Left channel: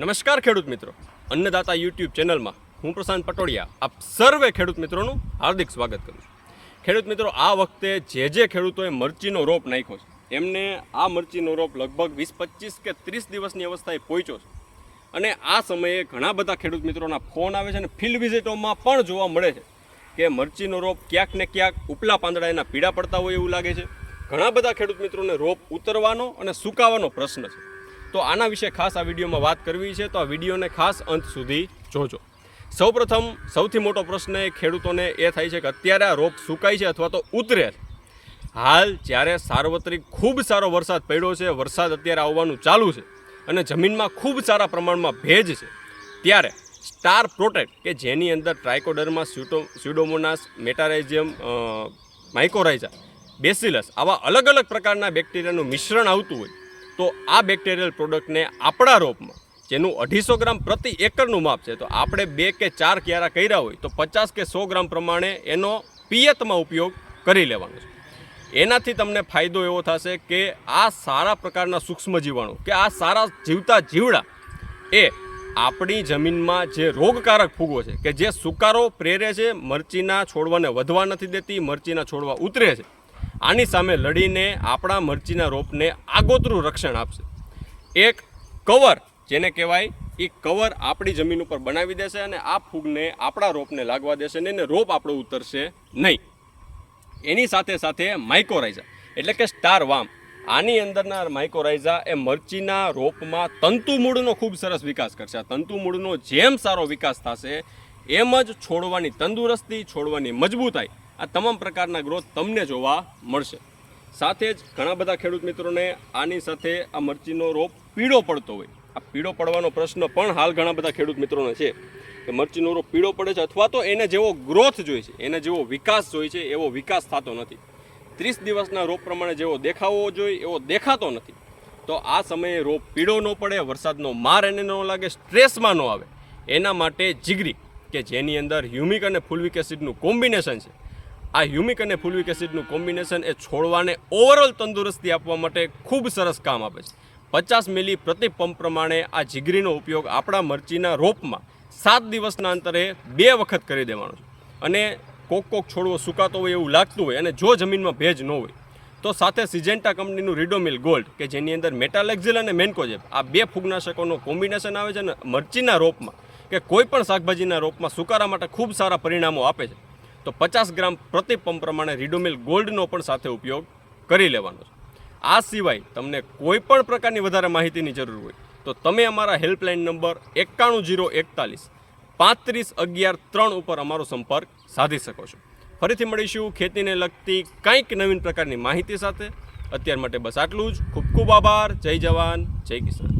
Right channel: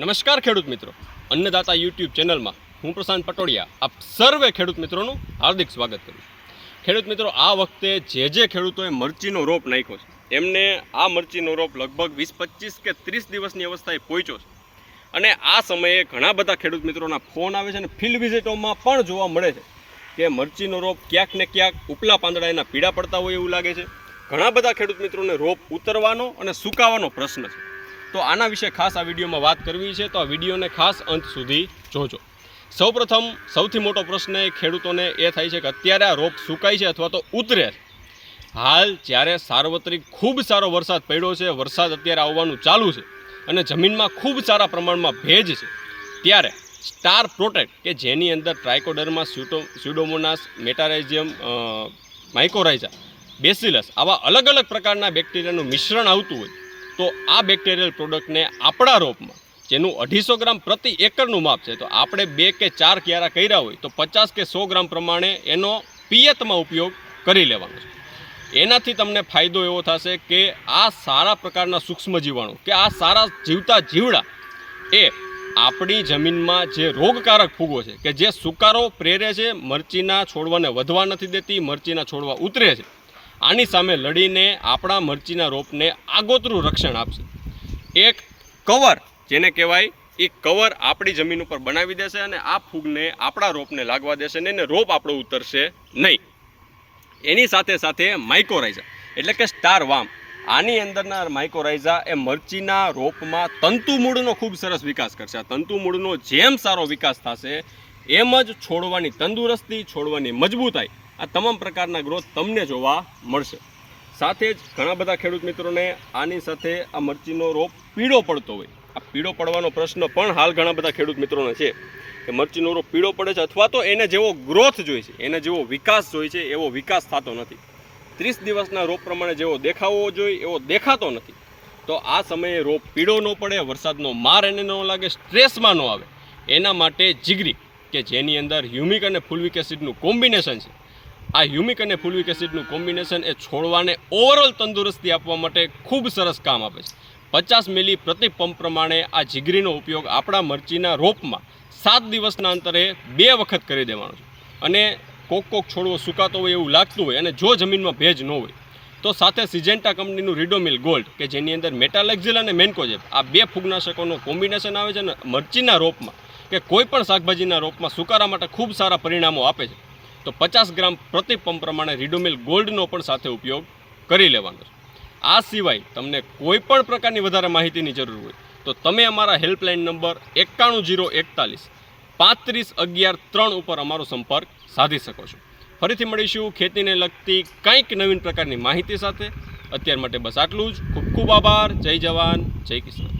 નમસ્કાર ખેડૂત મિત્રો. અન્નદાતા યુટ્યુબ ચેનલમાં હું પ્રશાંત પટોડિયા આપ સર્વે ખેડૂત મિત્રોનું હાર્દિક સ્વાગત કરું છું. ખેડૂત મિત્રો, આ વખતે જે જે ખેડૂતોએ મરચીનો રોપ નાખ્યો છે, એમને આ મરચીનો રોપ લગભગ વીસ, પચીસ કે ત્રીસ દિવસની અવસ્થાએ પહોંચ્યો છે. અને આ સમયે ઘણા બધા ખેડૂત મિત્રોના ફોન આવે છે અને ફિલ્ડ વિઝિટોમાં પણ જોવા મળે છે કે મરચીનો રોપ ક્યાંક ને ક્યાંક ઉપલા પાંદડા એના પીડા પડતા હોય એવું લાગે છે. ઘણા બધા ખેડૂત મિત્રોને રોપ ઉતરવાનો અને સુકાવાનો પ્રશ્ન છે. તો આના વિશે ખાસ આ વિડીયોમાં વાત કરવી છે. તો આ વિડીયોને ખાસ અંત સુધી જોજો. સૌપ્રથમ સૌથી મોટો પ્રશ્ન એ ખેડૂતોને એ થાય છે કે અત્યારે આ રોપ સુકાય છે અથવા તો ઉતરે છે. હાલ જ્યારે સાર્વત્રિક ખૂબ સારો વરસાદ પડ્યો છે, વરસાદ અત્યારે આવવાનું ચાલુ છે અને જમીનમાં ખૂબ સારા પ્રમાણમાં ભેજ છે, ત્યારે સ્ટાર પ્રોટેક્ટ કે જેની અંદર ટ્રાઇકોડરમાં pseudo, pseudomonas metarhizium mycorrhiza bacillus આવા અલગ અલગ પ્રકારના બેક્ટેરિયાનું મિશ્રણ આવતું હોય તો આ બેક્ટેરિયલ પ્રોડક્ટને આપણા રોપમાં, જેનું અઢીસો ગ્રામ પ્રતિ એકરનું માપ છે, તો આપણે બે કે ચાર ક્યારા કર્યા હોય, તો પચાસ કે સો ગ્રામ પ્રમાણે એનો પિયતમાં ઉપયોગ કરી લેવાનો છે. એનાથી તમને ફાયદો એવો થશે કે આ સારા પ્રકારના સૂક્ષ્મ જીવાણુ કે આ સારા જીવતા જીવડા, એ આપણી જમીનમાં જે રોગકારક ફૂગો છે, કે જે સુકારો પ્રેરે છે, મરચીના છોડવાને વધવા નથી દેતી, મરચીના છોડવા ઉતરે છે આની સામે લડીને આપણા મરચીના રોપને આગોતરું રક્ષણ આપશે. એક કવર, જેને કહેવાય, એ કવર આપણી જમીન ઉપર બનાવી દેશે અને આ ફૂગને આપણા રોપને લાગવા દેશે ને એને રોપ આપણો ઉતરશે નહીં. એની સાથે સાથે માઇકોરાઇઝા એટલે કે સ્ટાર વામ આની અંદરના માઇકોરાઇઝા એ મરચીના રોપમાં તંતુ મૂળનો ખૂબ સરસ વિકાસ કરશે. આ તંતુ જેમ સારો વિકાસ થશે, એમ જ છોડવાની તંદુરસ્તી, છોડવાની મજબૂતાઈ આ તમામ પ્રકારના ગ્રોથ તમને જોવા મળશે. સાથે જ ઘણા બધા ખેડૂત મિત્રોને આની સાથે આ મરચીનો રોપ પીળો પડતો હોય. આ પીળો પડવાનો પ્રશ્ન પણ હાલ ઘણા બધા ખેડૂત મિત્રોને છે કે મરચીનો રોપ પીળો પડે છે અથવા તો એને જેવો ગ્રોથ જોઈએ છે, એને જેવો વિકાસ જોઈએ છે, એવો વિકાસ થતો નથી. ત્રીસ દિવસના રોપ પ્રમાણે જેવો દેખાવો જોઈએ, એવો દેખાતો નથી. તો આ સમયે રોપ પીળો ન પડે, વરસાદનો માર એને ન લાગે, સ્ટ્રેસમાં ન આવે. એના માટે જીગરી, કે જેની અંદર હ્યુમિક અને ફુલવિક એસિડનું કોમ્બિનેશન છે આ હ્યુમિક અને ફુલવિક એસિડનું કોમ્બિનેશન એ છોડવાને ઓવરઓલ તંદુરસ્તી આપવા માટે ખૂબ સરસ કામ આપે છે. પચાસ મિલી પ્રતિ પંપ પ્રમાણે આ જીગરીનો ઉપયોગ આપણા મરચીના રોપમાં સાત દિવસના અંતરે બે વખત કરી દેવાનો છે. અને કોક કોક છોડવો સુકાતો હોય એવું લાગતું હોય અને જો જમીનમાં ભેજ ન હોય, તો સાથે સિજેન્ટા કંપનીનું રીડોમિલ ગોલ્ડ કે જેની અંદર મેટાલેક્ઝિલ અને મેન્કોજેબ આ બે ફૂગનાશકોનું કોમ્બિનેશન આવે છે અને મરચીના રોપમાં કે કોઈ પણ શાકભાજીના રોપમાં સુકારા માટે ખૂબ સારા પરિણામો આપે છે. તો પચાસ ગ્રામ પ્રતિ પંપ પ્રમાણે રીડોમિલ ગોલ્ડનો પણ સાથે ઉપયોગ કરી લેવાનો છે. આ સિવાય તમને કોઈ પણ પ્રકારની વધારે માહિતીની જરૂર હોય તો તમે અમારા હેલ્પલાઇન નંબર એકાણું જીરો એકતાલીસ પાંત્રીસ અગિયાર ત્રણ ઉપર અમારો સંપર્ક સાધી શકો છો. ફરીથી મળીશું ખેતીને લગતી કંઈક નવીન પ્રકારની માહિતી સાથે. અત્યાર માટે બસ આટલું જ. ખૂબ ખૂબ આભાર. જય જવાન. જય કિસાન.